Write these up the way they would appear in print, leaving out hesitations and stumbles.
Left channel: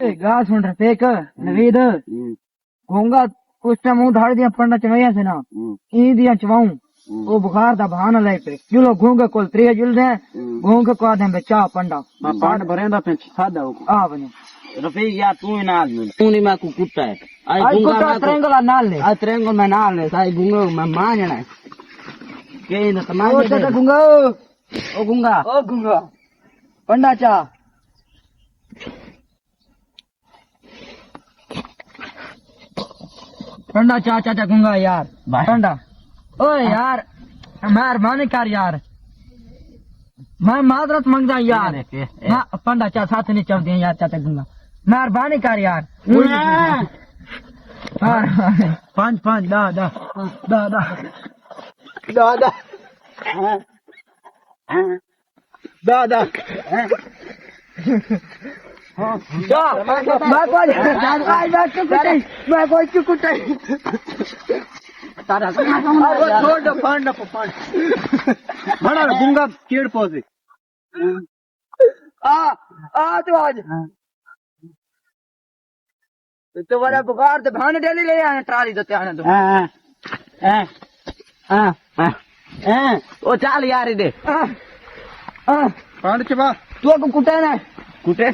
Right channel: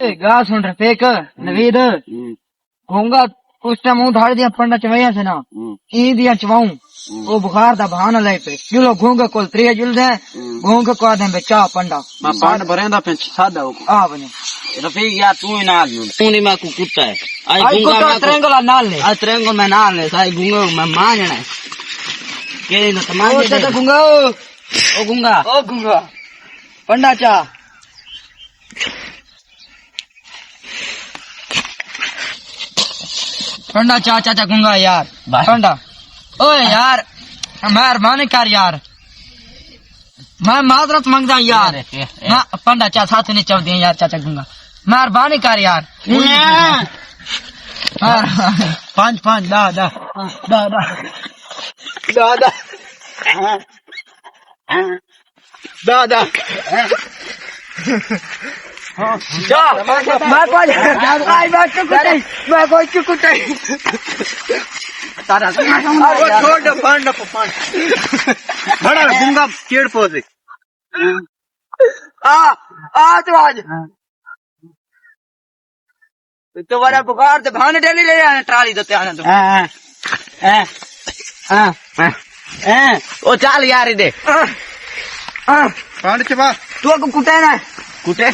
गा सुन रहे फेक नवीद होऊंगा उस टाइम मुंह धाड़ दिया पंडा चवैया से ना ई दिया चवाऊं वो बुखार दा बहाना ले पे जुलो घूंगा कोल 3 जुल दे घूंगा को आदम बे चा पंडा मैं पांड भरेंदा पे सादा हो आ बने रफीक यार तू ही ना तू नहीं मैं कुत्ता है आई घूंगा मैं त्रेंगला नाल ले आज ट्रेंगो मैं नाल ले साई घूंगा मैं मानना है के न तमाशे ओ चाचा घूंगा ओ घूंगा पंडा चा पंडा चा चाचा घूंगा यार पंडा ओए यार मेहरबानी कर यार मैं माजरत मांगदा यार ना पंडा चा साथ नहीं चल दिया यार चाचा घूंगा मेहरबानी कर यार पांच पांच दा दा दा दा दा दा दा दा मैं चुकुटे तारा छोड़ दे पांड बड़ा गुंगा चेड़ पोसे आ तो आज तो बड़ा बुखार ते भान डेली ले आने ट्राली देते आने तो ओ चल यार दे पांड चबा तू को कुटे ना कुटे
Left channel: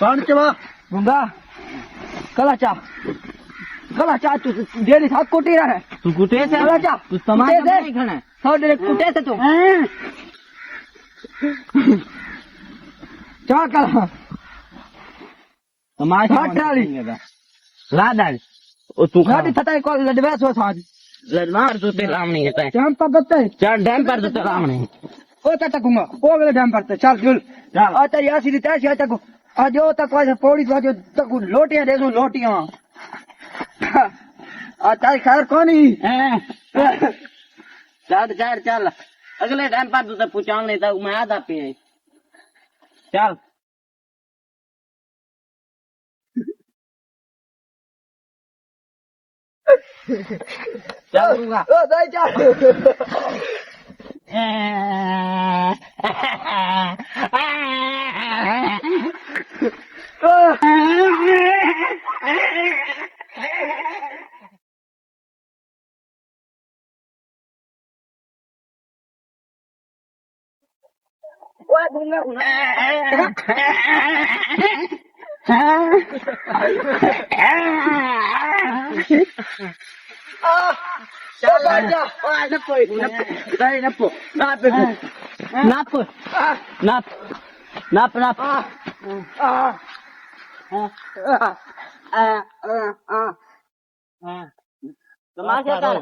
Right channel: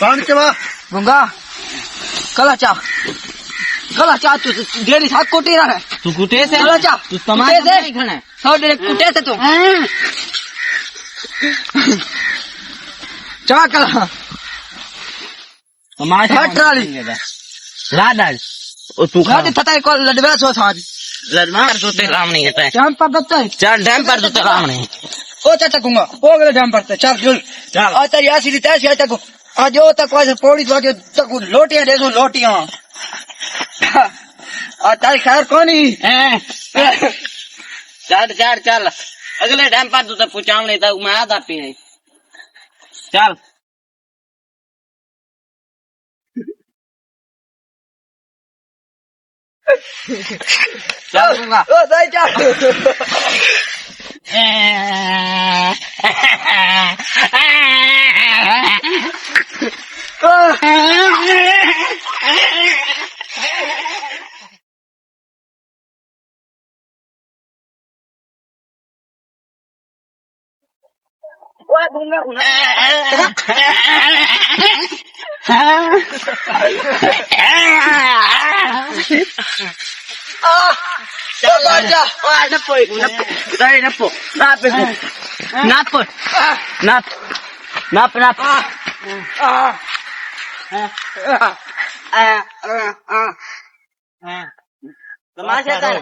पांड चबा गुंगा कला चा तू डेली साथ कोटी रहा है तू कुटे से कला चा तू तमाशा नहीं खाना सौ डेली कुटे से तू चा कला तमाशा ट्राली लाडल ओ तू गाड़ी पता है कौन लड़वा सो साज लड़मार तो ते राम नहीं है डैम पर बच्चा चल डैम पर तो ते राम नहीं ओ चाचा गुंगा ओ गले डैम पर चल जुल चल आ तेरी ऐसी रीत ऐसी तक आज जो तक वैसे पौड़ी तो आगे तक लोटियां दे दो लोटियां आ तारी खैर कोनी चल चल चल अगले डैम पर तो पूछाऊं नहीं था मैं आधा पी चल चल दूंगा ओ दई जा ओए गुंगा baca. Wah, napo. Dai napo. Napo. Napo. Napo. Napo napo. Tamaşa कर